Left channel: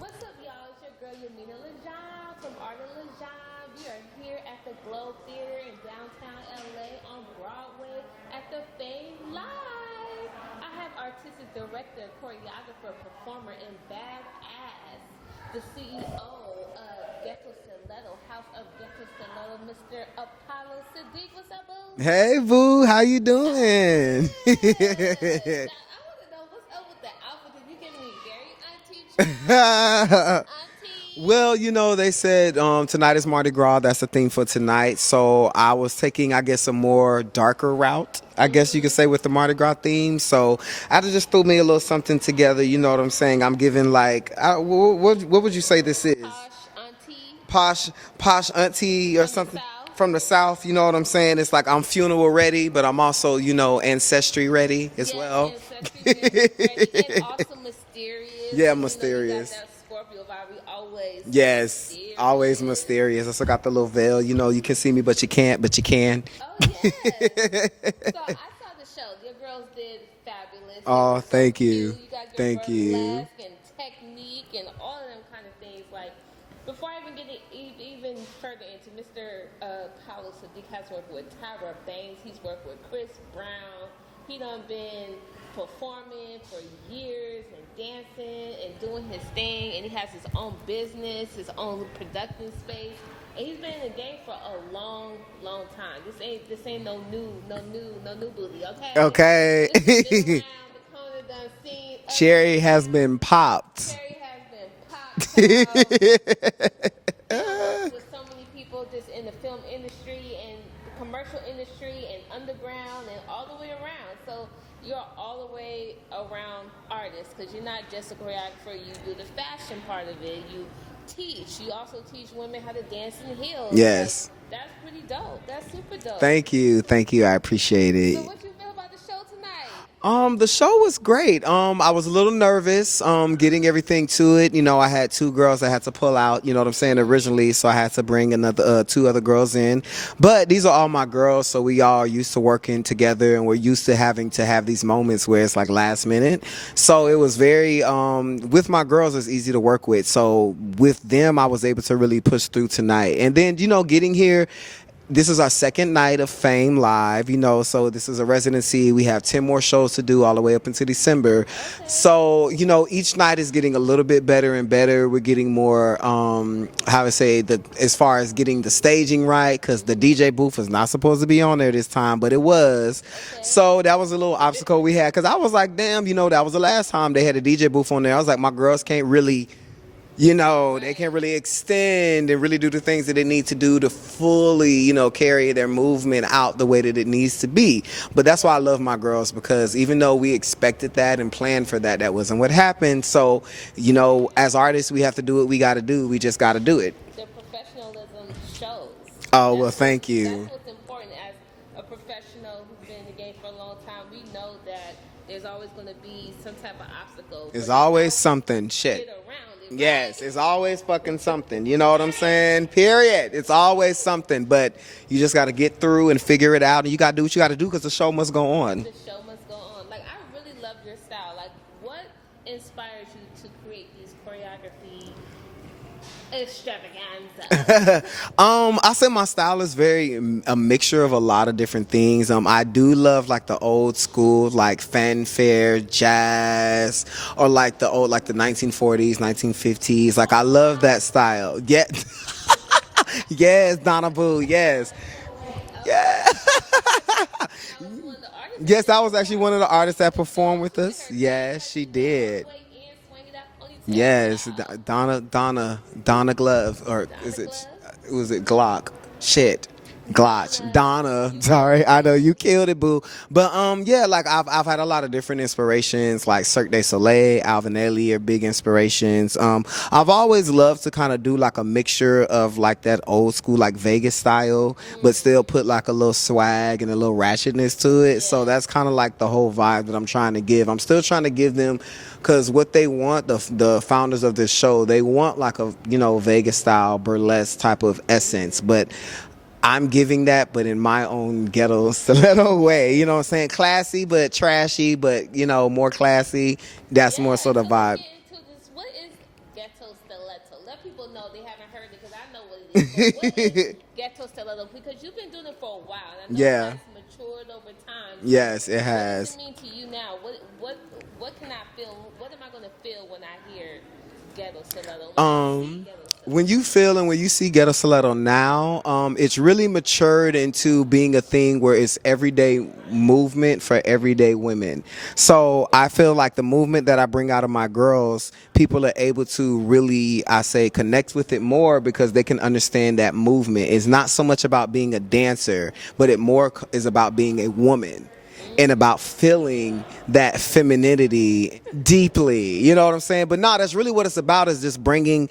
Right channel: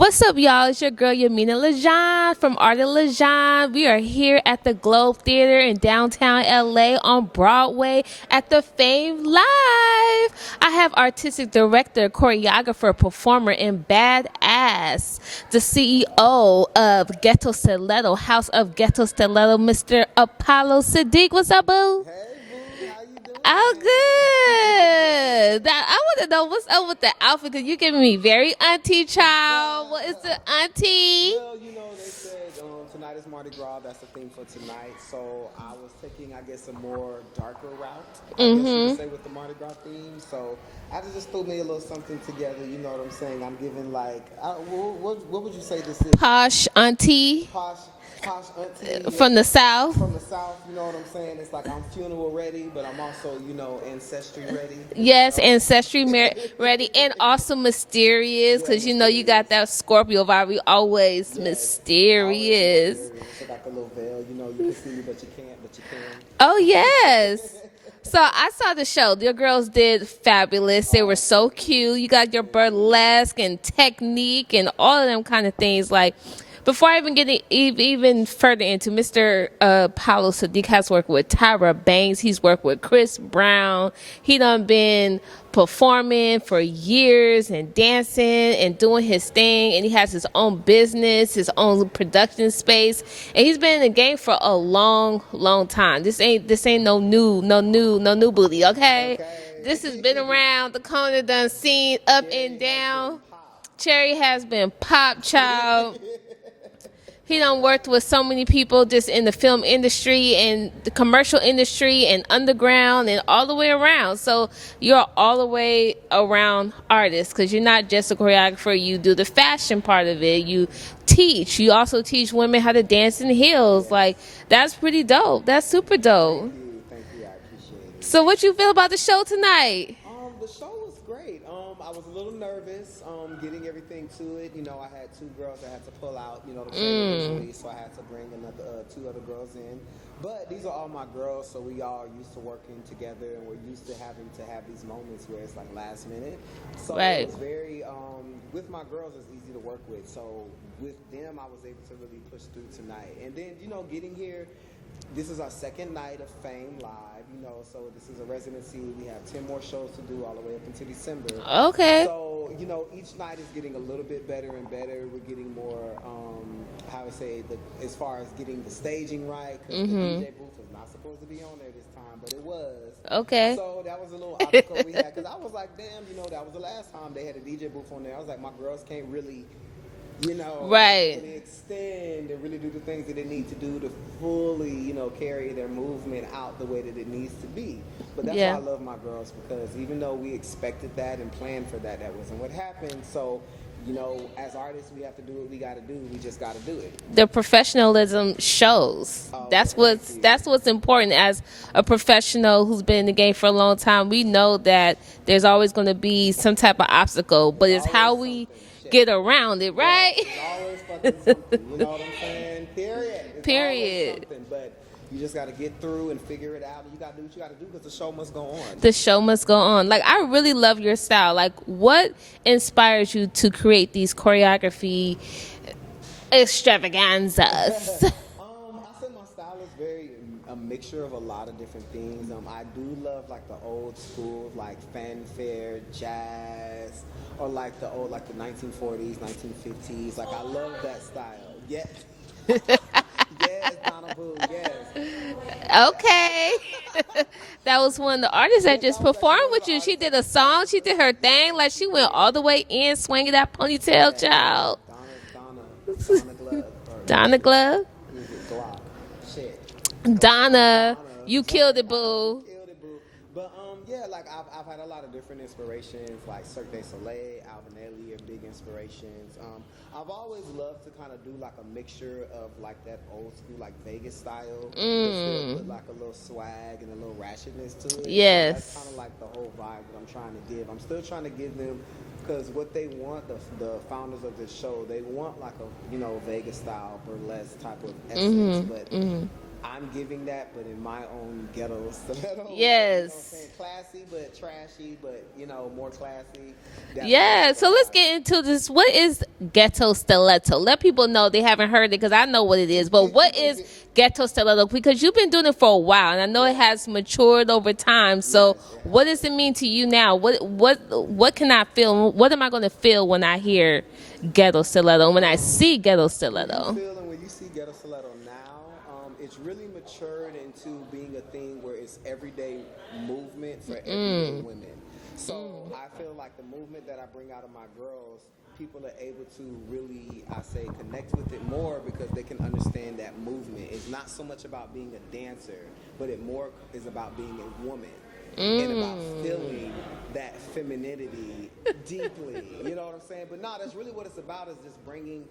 What's up, y'all? It's your girl Yaminah Legohn from Art of Legohn. We are here at the Globe Theater in downtown LA on Broadway at the Fame Live. I have artistic director, choreographer, performer, and badass, the CEO of Ghetto Stiletto, House of Ghetto Stiletto, Mr. Apollo Sadiq. What's up, boo? Hey, boo. How you doing? I'm good. I want to know what's up with the outfit because you're giving me very auntie child. What is it, auntie? Well, you know, they said tonight is Mardi Gras. That's the theme for tonight. So I was taking, I guess, a more darker route, I guess you could say, with the Mardi Gras theme. So I just threw me a little something together. You know what I'm saying? I'm giving like, what would you say this is? Posh auntie. Posh auntie. From the South. From the South, you know what I'm saying? It's like I'm funeral ready, but I'm also, you know, ancestry ready as Yes, well. ancestry ready, and also mysterious, because you know you got that Scorpio vibe. We always mysterious. Always mysterious. I still got the little veil. You know, you can see me, but you can't. But you can. Oh yes. So I saw the show. Your girls did fabulous. They were so cute. You got your burlesque and technique and all of them kind of things. Like, before I even get even further into, Mr. Paulo Sadiq has worked with Tyra Banks. He's worked with Chris Brown. He done been performing for years and dancing and doing his thing, and he has his own business, his own production space, and he's been in the game for a long time. This ain't no new booty, okay? Okay. This has been around the corner, done seen up Cherry and has down. been popped. Cherry has been popped, child. He done worked with so many people just in the film industry and the commercial industry and underground and all the way around. So you're all the way around artist, because you're not just a choreographer. You do the fashion part of it. You teach. You also teach women how to dance in heels. Yes. Like, that's pretty dope. That's super dope. Thank you. I appreciate it. So what you feel about the show tonight? The show was great. I was a little nervous getting everything to it. You know, I had two girls I had to pull out, you know what I'm saying, originally, so I had to bring another two other girls in. But these are all my girls, so we all used to working together, and we're used to having to have these moments where it's like last minute. So it was very with my girls, it's easy to work with. So with them, I was able to really push through tonight. And then, you know, getting here, this is our second night of Fame Live, you know, so this is a residency. We have 10 more shows to do all the way up into December. Okay. So, you know, each night is getting a little bit better and better. We're getting more, as far as getting the staging right, because the DJ booth was not supposed to be on there this time, but it was. Okay. So that was a little obstacle we had, because I was like, damn, you know, that was the last time they had a DJ booth on there. I was like, my girls can't really, you know, they can really extend and really do the things that they need to do to fully, you know, carry their movement out the way that it needs to be. But that's why I love my girls, because even though we expected that and planned for that, that wasn't what happened. So, you know, as artists, we have to do what we got to do. We just got to do it. The professionalism shows. Oh, well, thank you. That's what's important. As a professional who's been in the game for a long time, we know that there's always going to be some type of obstacle, but it's how we get around it, right? Yes, it's always fucking something. You know what I'm saying? Period. It's always something, but you just got to get through and figure it out, and you got to do what you got to do, because the show must go on. The show must go on. Like, I really love your style. Like, what inspires you to create these choreography extravaganzas? I say my style is very a mixture of a lot of different things. I do love like the old school, like fanfare, jazz, or like the old, like the 1940s, 1950s. Like, I love that style. Yeah. Yes, Donna Boo. Yes. Okay. That was one of the artists that just performed with you. She did a song. She did her thing. Like, she went all the way in, swinging that ponytail, child. Donna Glove. Or Donna Glove? Was it Glock? Shit. Donna, you killed it, boo. I know you killed it, boo. But yeah, like I've had a lot of different inspirations, like Cirque du Soleil, Alvin Ailey are big inspirations. I've always loved to kind of do like a mixture of like that old school, like Vegas style, but still put like a little swag and a little ratchetness to it. So that's kind of like the whole vibe that I'm trying to give. I'm still trying to give them, because what they want, the founders of this show, they want like a, you know, Vegas style burlesque type of essence, but I'm giving that, but in my own ghetto stiletto way. You know what I'm Yes. saying? Classy, but trashy, but, more classy. That's more Yeah, so the so let's vibe. get into this. What is ghetto stiletto? Let people know they haven't heard it because I know what it is. But what is ghetto stiletto? Because you've been doing it for a while, and I know it Yeah. has matured over time. So, Yes, it what does has. it mean to you now? What can I feel? What am I going to feel when I hear ghetto stiletto? When I see ghetto stiletto? When you feel and when you see ghetto stiletto now, it's really matured into being a thing where it's everyday movement for everyday women. So I feel like the movement that I bring out of my girls, people are able to really, I say, connect with it more because they can understand that movement. It's not so much about being a dancer, but it more is about being a woman. And about feeling that femininity deeply. You know what I'm saying? But no, that's really what it's about, is just bringing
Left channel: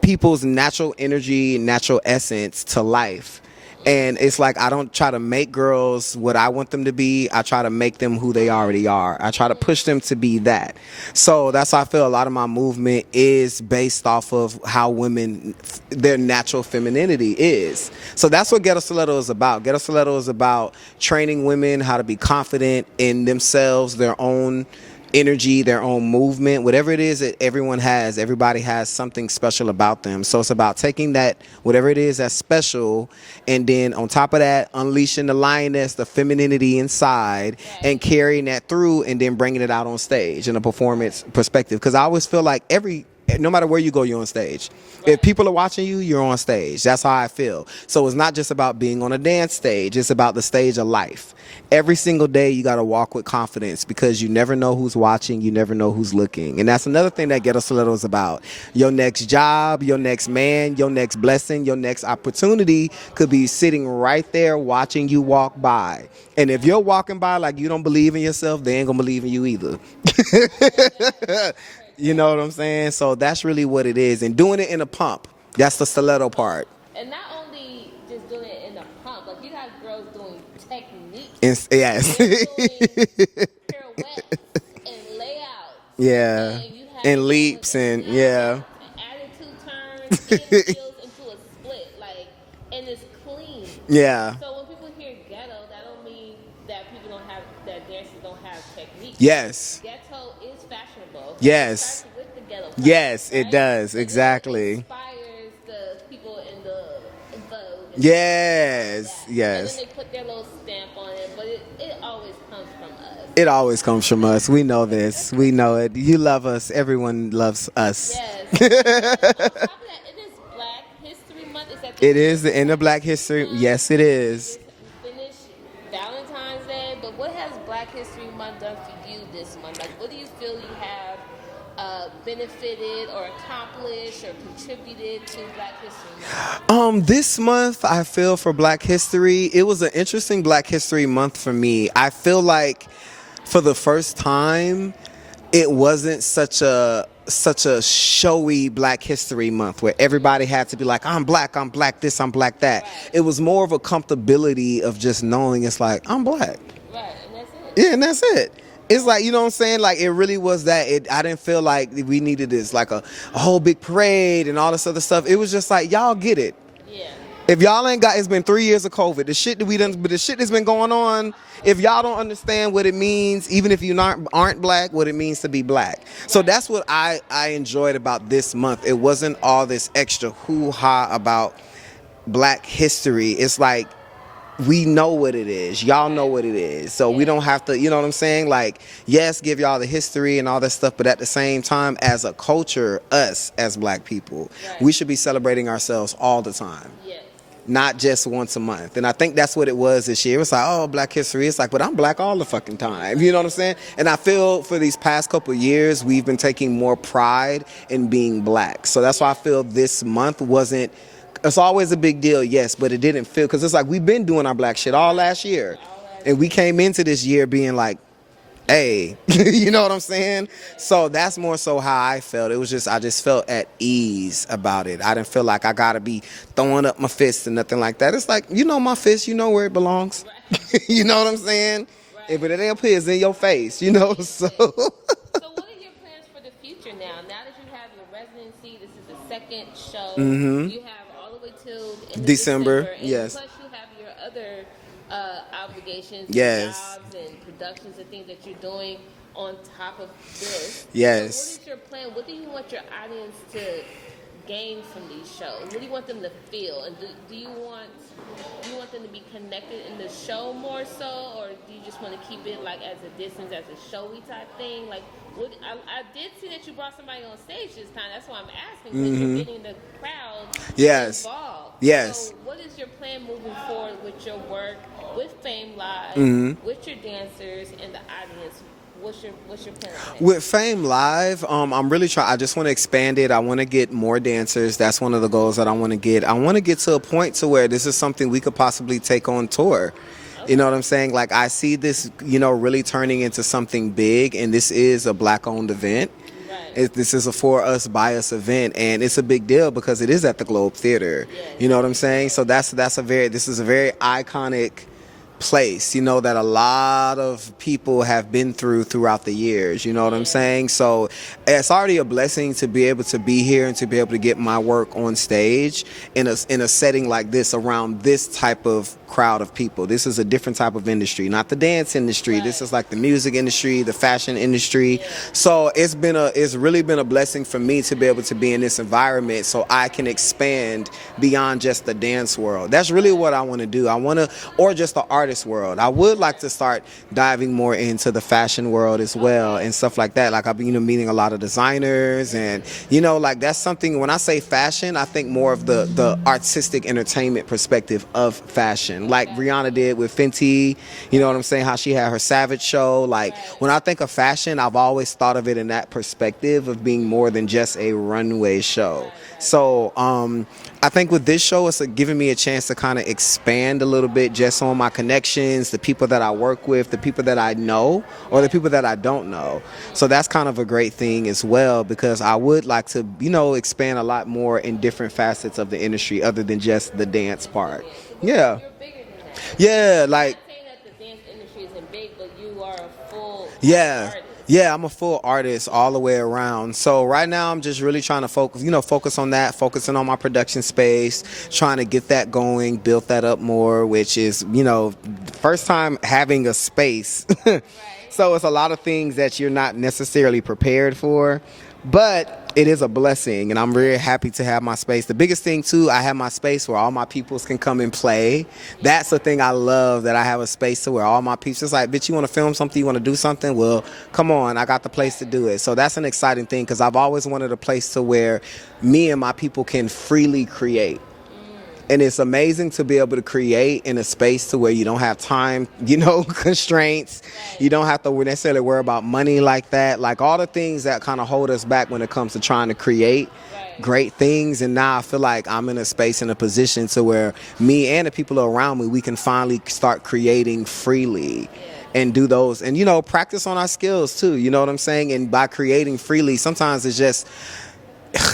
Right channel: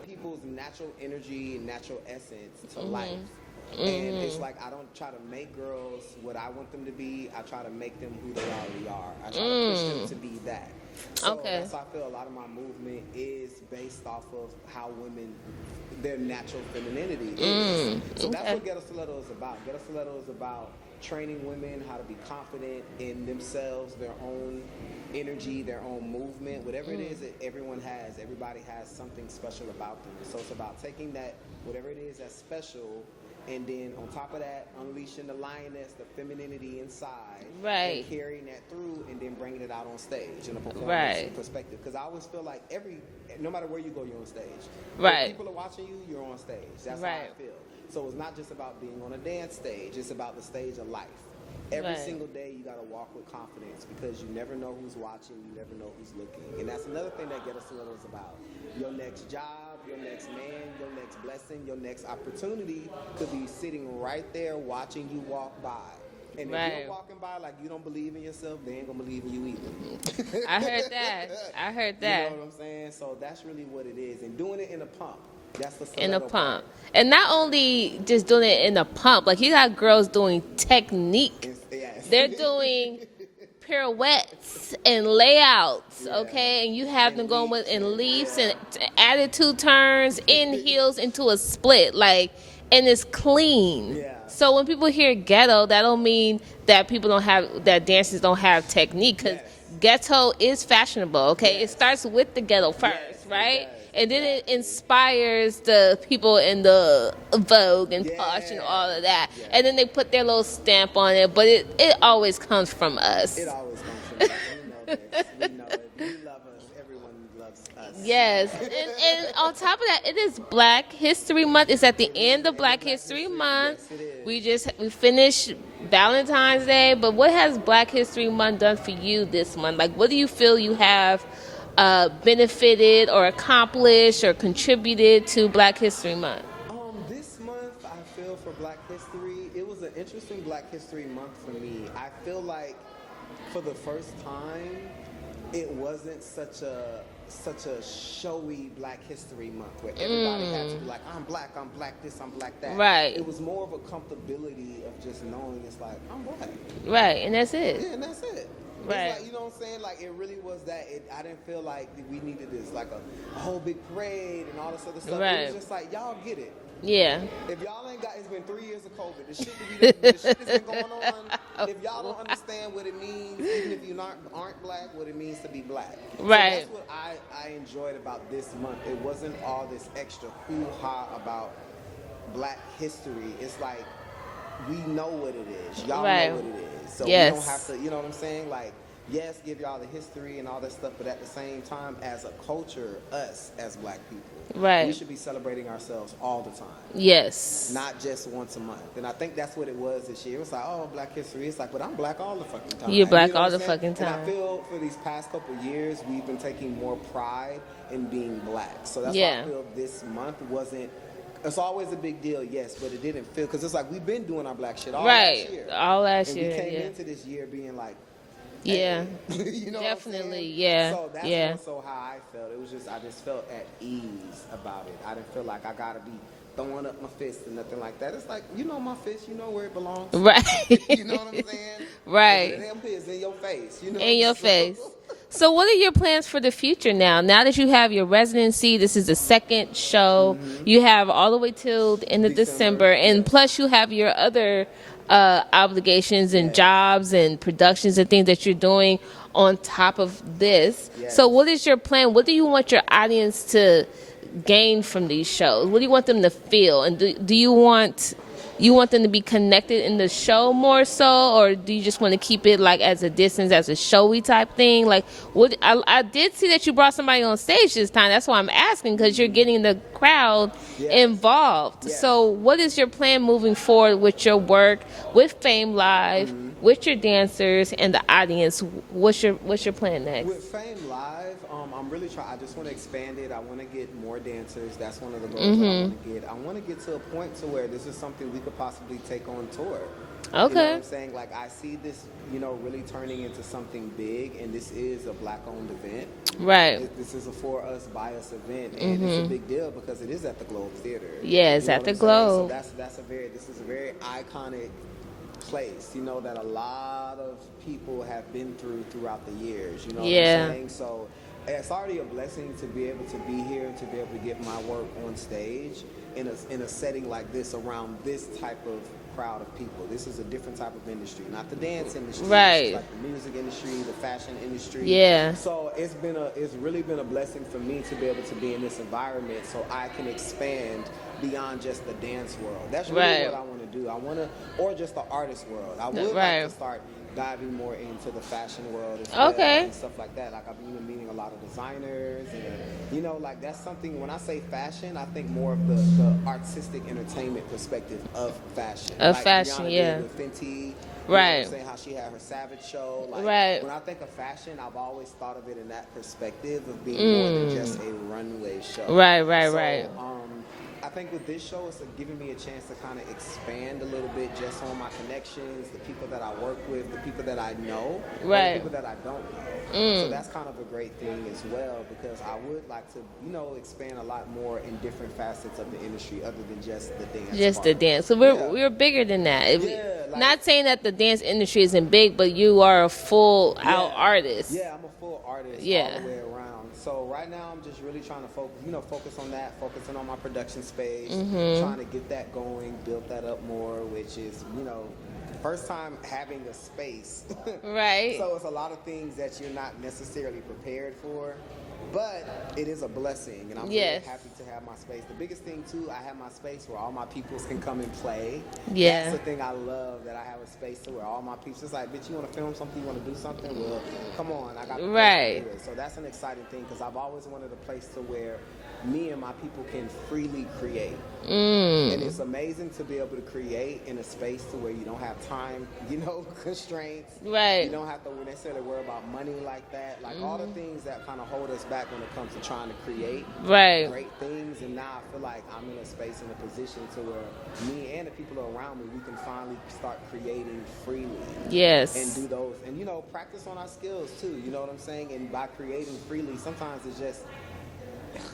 people's natural energy, natural essence to life. And it's like I don't try to make girls what I want them to be. I try to make them who they already are. I try to push them to be that. So that's why I feel a lot of my movement is based off of how women, their natural femininity is. So that's what Ghetto Stiletto is about. Ghetto Stiletto is about training women how to be confident in themselves, their own energy, their own movement, whatever it is that everyone has. Everybody has something special about them. So it's about taking that, whatever it is that's special, and then on top of that, unleashing the lioness, the femininity inside, and carrying that through, and then bringing it out on stage in a performance perspective. Because I always feel like no matter where you go, you're on stage. If people are watching you, you're on stage. That's how I feel. So it's not just about being on a dance stage. It's about the stage of life. Every single day, you got to walk with confidence because you never know who's watching. You never know who's looking. And that's another thing that Ghetto Stiletto is about. Your next job, your next man, your next blessing, your next opportunity could be sitting right there watching you walk by. And if you're walking by like you don't believe in yourself, they ain't going to believe in you either. I heard that. You know what I'm saying? So that's really what it is. And doing it in a pump. That's the stiletto part. And not only just doing it in a pump, like you got girls doing technique. Yes. They're doing pirouettes and layouts. Okay, and you have and them leaps going with and attitude turns, in heels into a split, and it's clean. Yeah. So when people hear ghetto, that don't mean that dancers don't have technique. Yes. Ghetto is fashionable. Okay. Yes. It starts with the ghetto first. Yes, right? it does. And exactly. then it inspires the people in the Vogue and all of that. Yes. And then they put their little stamp on it, but it always comes from us. It always comes from us. We know this. We know it. You love us. Everyone loves us. Yes. And on top of that, it is Black History Month. It's at the end of Black History Month. Yes, it is. We finished Valentine's Day, but what has Black History Month done for you this month? Like, what do you feel you have benefited or accomplished or contributed to Black History Month? This month, I feel for Black History, it was an interesting Black History Month for me. I feel like for the first time, it wasn't such a showy Black History Month where everybody had to be like, I'm black this, I'm black that. Right. It was more of a comfortability of just knowing it's like, I'm black. Right, and that's it. Yeah, and that's it. It's like, you know what I'm saying? Like, it really was that. I didn't feel like we needed this, like a whole big parade and all this other stuff. Right. It was just like, y'all get it. Yeah. If y'all ain't got, it's been 3 years of COVID. The shit that's been going on. If y'all don't understand what it means, even if you aren't black, what it means to be black. Right. So that's what I enjoyed about this month. It wasn't all this extra hoo-ha about Black history. It's like, we know what it is. Y'all know what it is. So we don't have to, you know what I'm saying? Like, yes, give y'all the history and all that stuff, but at the same time, as a culture, us as Black people, we should be celebrating ourselves all the time. Yes. Not just once a month. And I think that's what it was this year. It was like, oh, Black history. It's like, but I'm black all the fucking time. You're black you know all what I'm the saying? fucking And I time. feel for these past couple of years, we've been taking more pride in being black. So that's why I feel this month wasn't, it's always a big deal, yes, but it didn't feel, because it's like we've been doing our black shit all last year. And we came into this year being like, hey, you know what I'm saying? Yeah. So that's more so how I felt. It was just, I just felt at ease about it. I didn't feel like I gotta be throwing up my fist and nothing like that. It's like, you know my fist, you know where it belongs. Right. You know what I'm saying? Right. But it ain't up here, it's in your face, you know? In your face. So what are your plans for the future now? Now that you have your residency, this is the second show. You have all the way till the end of December. And plus you have your other obligations and jobs and productions and things that you're doing on top of this. So what is your plan? What do you want your audience to gain from these shows? What do you want them to feel? And do you want them to be connected in the show more so, or do you just want to keep it like as a distance, as a showy type thing? Like, what I did see that you brought somebody on stage this time. That's why I'm asking, because you're getting the crowd involved. So what is your plan moving forward with your work, with Fame Live, with your dancers and the audience? What's your plan next? With Fame Live, I'm really trying. I just want to expand it. I want to get more dancers. That's one of the goals that I want to get. I want to get to a point to where this is something we could possibly take on tour. You know what I'm saying? Like, I see this, really turning into something big, and this is a Black-owned event. This is a for us, by us event, and it's a big deal because it is at the Globe Theater. You know what I'm saying? So this is a very iconic place, that a lot of people have been throughout the years. You know what I'm saying? So it's already a blessing to be able to be here and to be able to get my work on stage in a setting like this around this type of crowd of people. This is a different type of industry, not the dance industry. This is like the music industry, the fashion industry. So it's really been a blessing for me to be able to be in this environment so I can expand beyond just the dance world. That's really what I want to do. Or just the artist world. I would like to start diving more into the fashion world as well and stuff like that. Like, I've been meeting a lot of designers, and like, that's something. When I say fashion, I think more of the artistic entertainment perspective of fashion. Like Rihanna did with Fenty, you know what I'm saying, how she had her Savage show. Like, when I think of fashion, I've always thought of it in that perspective of being more than just a runway show. So I think with this show, it's giving me a chance to kind of expand a little bit just on my connections, the people that I work with, the people that I know, or the people that I don't know. So that's kind of a great thing as well, because I would like to, expand a lot more in different facets of the industry other than just the dance part. Just the dance. So we're bigger than that. Like, not saying that the dance industry isn't big, but you are a full artist. I'm a full artist all the way around. So right now I'm just really trying to focus on that, focusing on my production space, trying to get that going, build that up more, which is, first time having a space. So it's a lot of things that you're not necessarily prepared for, but it is a blessing, and I'm really happy to have my space. The biggest thing too, I have my space where all my peoples can come and play. That's the thing I love, that I have a space to where all my peoples, it's like, bitch, you want to film something, you want to do something, well, come on, I got the place to do it. So that's an exciting thing, because I've always wanted a place to where me and my people can freely create. And it's amazing to be able to create in a space to where you don't have time, constraints. You don't have to necessarily worry about money like that. Like, all the things that kind of hold us back when it comes to trying to create great things. And now I feel like I'm in a space, in a position to where me and the people around me, we can finally start creating freely. And do those. And, practice on our skills too. You know what I'm saying? And by creating freely, sometimes it's just,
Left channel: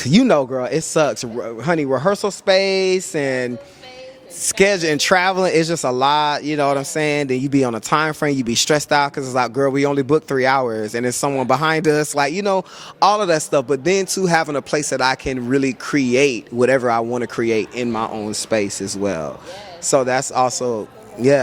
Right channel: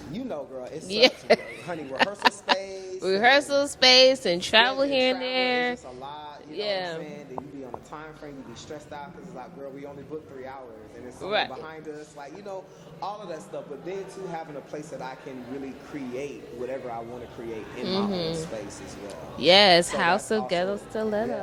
girl, it sucks. Honey, rehearsal space and schedule and traveling is just a lot. You know what I'm saying? Then you be on a time frame, you be stressed out because it's like, girl, we only booked 3 hours and there's someone behind us. Like, all of that stuff. But then too, having a place that I can really create whatever I want to create in my own space as well. So that's also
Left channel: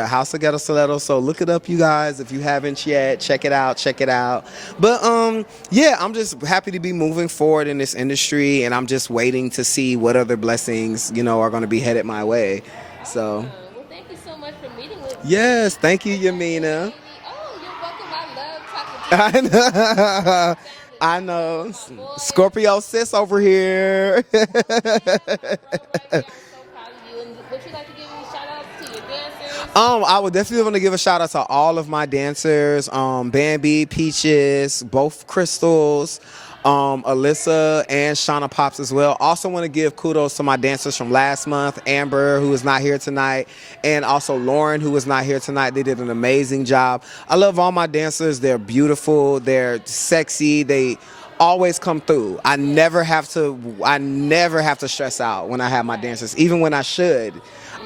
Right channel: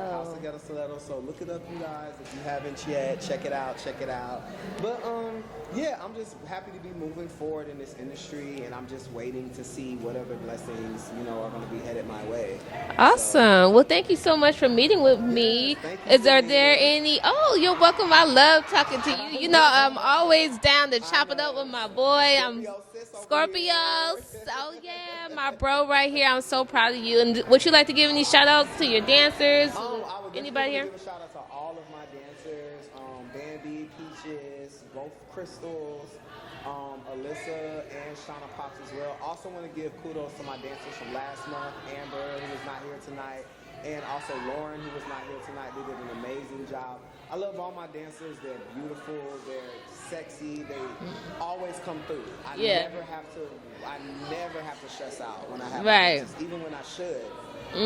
House of Ghetto Stiletto. So look it up, you guys, if you haven't yet. Check it out. But I'm just happy to be moving forward in this industry. And I'm just waiting to see what other blessings, are going to be headed my way. Awesome. Well, thank you so much for meeting with me. Yes, thank you, Yaminah. Are there any? Oh, you're welcome. I love talking to you. I'm always down to chop it up with my boy. Scorpio sis over here. My bro right here. I'm so proud of you. And would you like to give any shout outs to your dancers? I would definitely want to give a shout out to all of my dancers. Bambi, Peaches, both Crystals. Alyssa and Shauna Pops as well. Also want to give kudos to my dancers from last month, Amber, who is not here tonight, and also Lauren, who is not here tonight. They did an amazing job. I love all my dancers. They're beautiful. They're sexy. They always come through. I never have to stress out when I have my dancers, even when I should.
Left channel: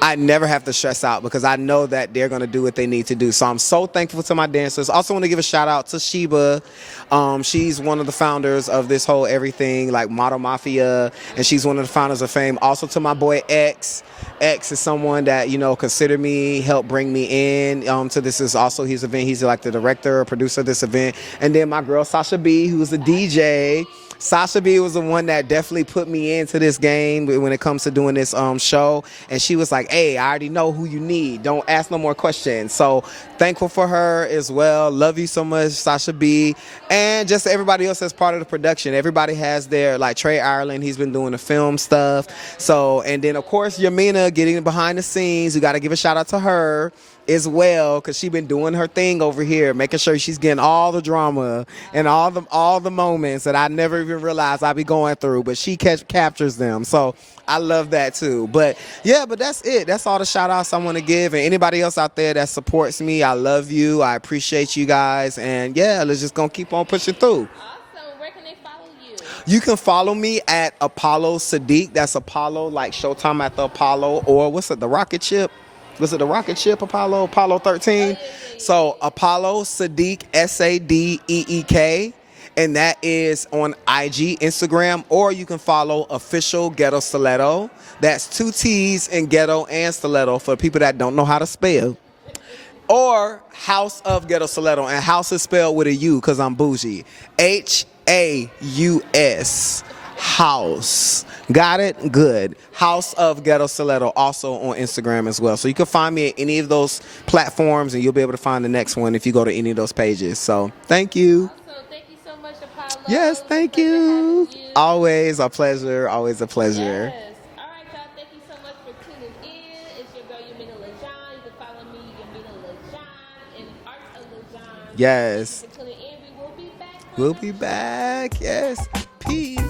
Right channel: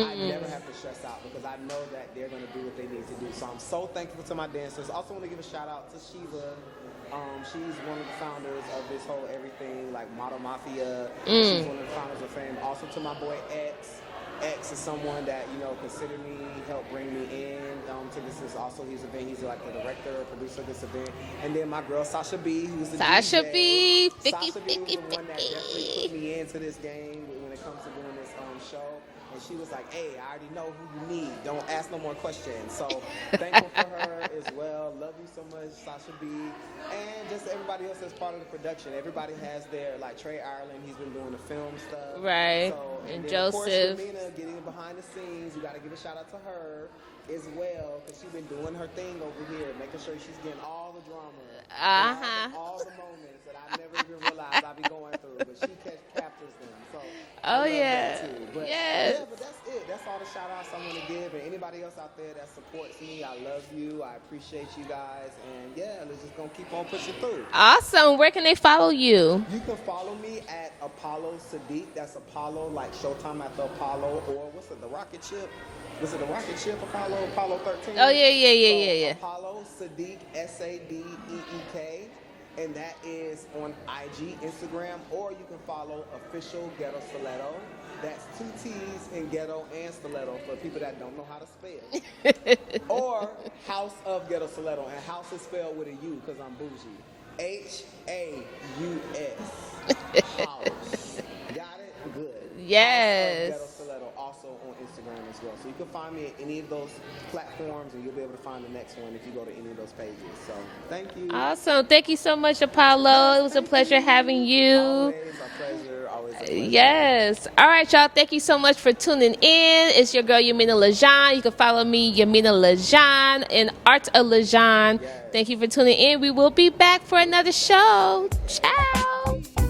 I never have to stress out because I know that they're going to do what they need to do. So I'm so thankful to my dancers. Also want to give a shout out to Sheba. She's one of the founders of this whole everything, like Model Mafia, and she's one of the founders of Fame. Also to my boy X. X is someone that, you know, considered me, helped bring me in to this is also his event. He's like the director or producer of this event. And then my girl Sasha B, who's the DJ. Sasha B was the one that definitely put me into this game when it comes to doing this show. And she was like, hey, I already know who you need. Don't ask no more questions. So thankful for her as well. Love you so much, Sasha B. And just everybody else that's part of the production. Everybody has their, like Trey Ireland, he's been doing the film stuff. Right. So, and then of course, Yaminah getting behind the scenes. We got to give a shout out to her as well because she's been doing her thing over here, making sure she's getting all the drama and all the moments that I never even realized I'd be going through, but she captures them. So I love that too. But but that's it. That's all the shout outs I want to give. And anybody else out there that supports me, I love you. I appreciate you guys. And let's just gonna keep on pushing through. Awesome. Where can they follow you? You can follow me at Apollo Sadiq. That's Apollo, like Showtime at the Apollo, or what's it, the rocket ship? Was it the rocket ship Apollo 13? Oh, yeah. So Apollo Sadiq, Sadeek. And that is on IG, Instagram, or you can follow Official Ghetto Stiletto. That's 2 T's in ghetto and stiletto for people that don't know how to spell. Or House of Ghetto Stiletto. And house is spelled with a U because I'm bougie. Haus. House. Got it? Good. Yes. House of Ghetto Stiletto, also on Instagram as well. So you can find me at any of those platforms, and you'll be able to find the next one if you go to any of those pages. So thank you. Awesome. Thank you so much, Apollo. Yes, it was a pleasure having you. Always a pleasure. Always a pleasure. Yes. All right, y'all. Thank you so much for tuning in. It's your girl, Yaminah Legohn. You can follow me, Yaminah Legohn, and Art of Legohn. Yes. Thank you for tuning in. We will be back for another show. Yes. Ciao. Peace.